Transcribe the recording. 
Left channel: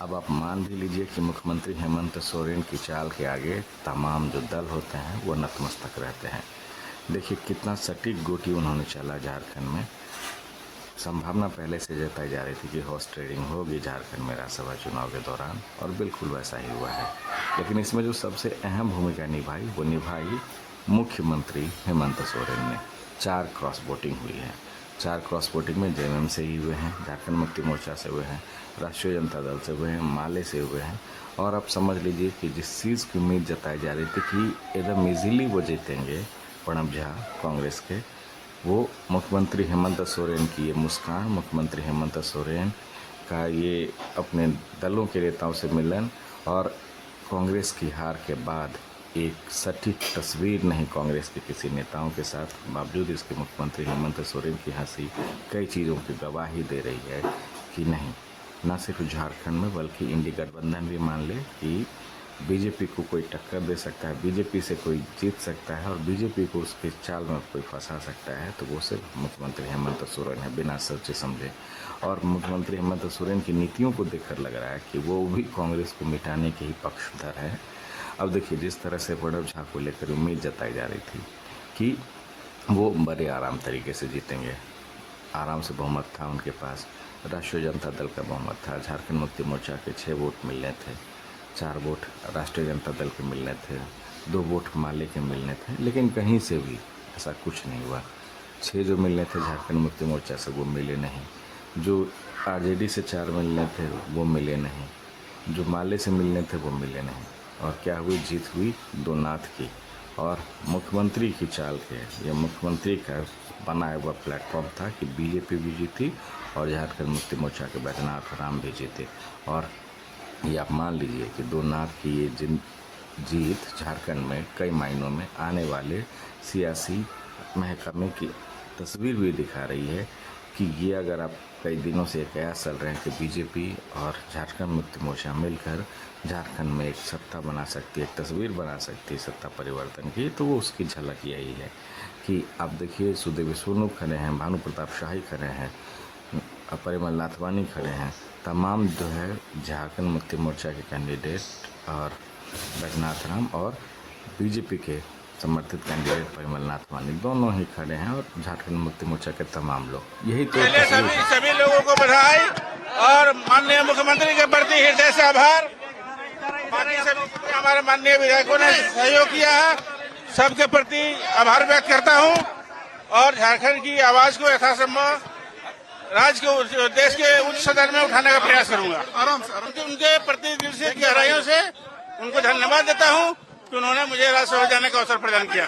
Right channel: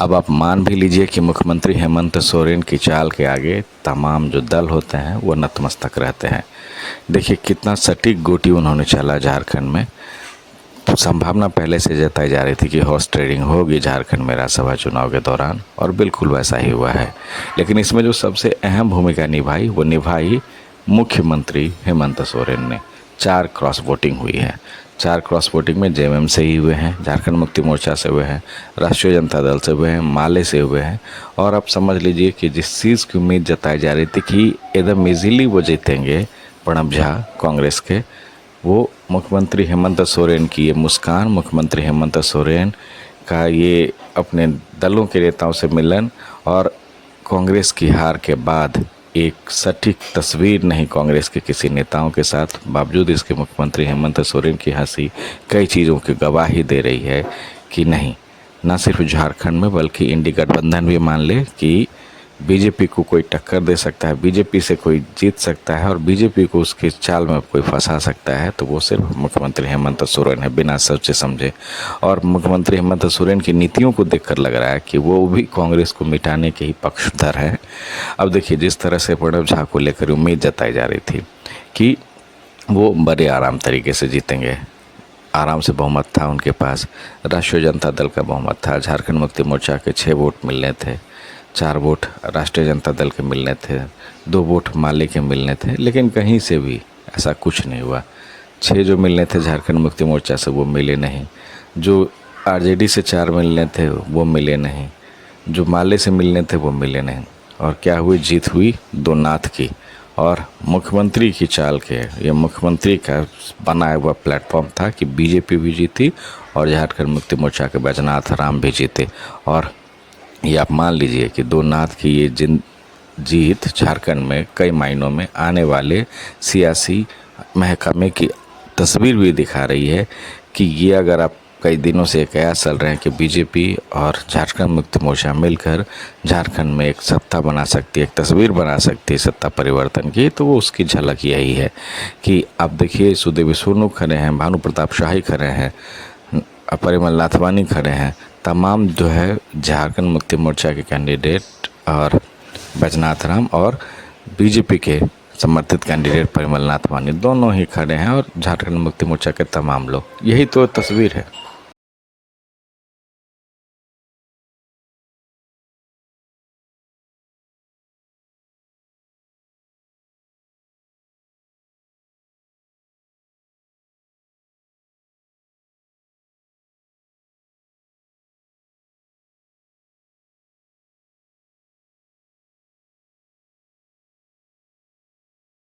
अब आप मान भी लीजिए कि मुख्यमंत्री हेमंत सोरेन की चाल के आगे तमाम जो दल होते हैं वो नतमस्तक रहते हैं। देखिए कितना सटीक गोटी उन्होंने चला झारखंड में। तो संभावना पहले से जताई जा रही थी कि हॉर्स ट्रेडिंग होगी झारखंड में राज्यसभा चुनाव के दौरान, और बिल्कुल वैसा ही हुआ है। लेकिन इसमें जो सबसे अहम भूमिका निभाई वो निभाई मुख्यमंत्री हेमंत सोरेन ने। 4 क्रॉस वोटिंग हुई है। 4 क्रॉस वोटिंग में जेएमएम से ही हुए हैं, झारखंड मुक्ति मोर्चा से हुए हैं, राष्ट्रीय जनता दल से हुए हैं, माले से हुए हैं। और अब समझ लीजिए कि जिस चीज़ की उम्मीद जताई जा रही थी कि एकदम ईजीली वो जीतेंगे प्रणब झा कांग्रेस के, वो मुख्यमंत्री हेमंत सोरेन की ये मुस्कान, मुख्यमंत्री हेमंत सोरेन का ये अपने दलों के नेताओं से मिलन और कांग्रेस की हार के बाद एक सटीक तस्वीर नहीं कांग्रेस के किसी नेताओं के साथ, बावजूद इसके मुख्यमंत्री हेमंत सोरेन की हंसी कई चीज़ों की गवाही दे रही है कि नहीं, न सिर्फ झारखंड में बल्कि इंडी गठबंधन भी मान ले कि बीजेपी को कोई टक्कर दे सकता है, बीजेपी से कोई जीत सकता है और बीजेपी को उसके चाल में कोई फंसा सकता है, तो वो सिर्फ मुख्यमंत्री हेमंत सोरेन है, बिना सोचे समझे। और मुख्यमंत्री हेमंत सोरेन की नीतियों को देखकर लग रहा है कि वो भी कांग्रेस को मिटाने के ही पक्षधर है। अब देखिए जिस तरह से प्रणब झा को लेकर उम्मीद जताई जा रही थी कि वो बड़े आराम तरीके से जीतेंगे, आराम से बहुमत था उनके पास, राष्ट्रीय जनता दल का बहुमत था, झारखंड मुक्ति मोर्चा के 6 वोट मिलने थे, 4 वोट राष्ट्रीय जनता दल के मिलने थे, 2 वोट माले के मिलने थे, लेकिन कहीं से भी ऐसा कुछ नहीं हुआ। 6 जो मिलने थे झारखंड मुक्ति मोर्चा से वो मिले नहीं, जो आरजेडी से 4 मिलने थे वो मिले नहीं, जो माले से मिलने थे वो मिले नहीं। और क्या हुई, जीत हुई 2 नाथ की। और मुख्यमंत्री की चाल के, ये मुख्यमंत्री का बनाया हुआ प्लेटफॉर्म था कि बीजेपी भी जीती और झारखंड मुक्ति मोर्चा के बैजनाथ राम भी जीते। और ये आप मान लीजिए कि 2 नाथ की ये जीत झारखंड में कई मायनों में आने वाले सियासी महकमे की तस्वीर भी दिखा रही है कि ये अगर आप कई दिनों से कयास चल रहे हैं कि बीजेपी और झारखंड मुक्ति मोर्चा मिलकर झारखंड में एक सत्ता बना सकती है, एक तस्वीर बना सकती है सत्ता परिवर्तन की, तो वो उसकी झलक यही है कि आप देखिए सुदेवी सोनू खड़े हैं, भानु प्रताप शाही खड़े हैं, परिमल नाथवानी खड़े हैं, तमाम जो है झारखंड मुक्ति मोर्चा के कैंडिडेट और बैजनाथ राम और बीजेपी के समर्थित कैंडिडेट परिमल नाथवानी दोनों ही खड़े हैं और झारखंड मुक्ति मोर्चा के तमाम लोग, यही तो तस्वीर है। सभी लोगों को बधाई और माननीय मुख्यमंत्री के प्रति हृदय से आभार। हमारे माननीय विधायकों ने सहयोग किया है, सबके प्रति आभार व्यक्त करता हूं और झारखंड की आवाज को यथासंभव राज्य के देश के उच्च सदन में उठाने का प्रयास करूंगा। उनके प्रति दिल से गहराइयों से उनको धन्यवाद देता हूं कि उन्होंने मुझे राज्यसभा जाने का अवसर प्रदान किया।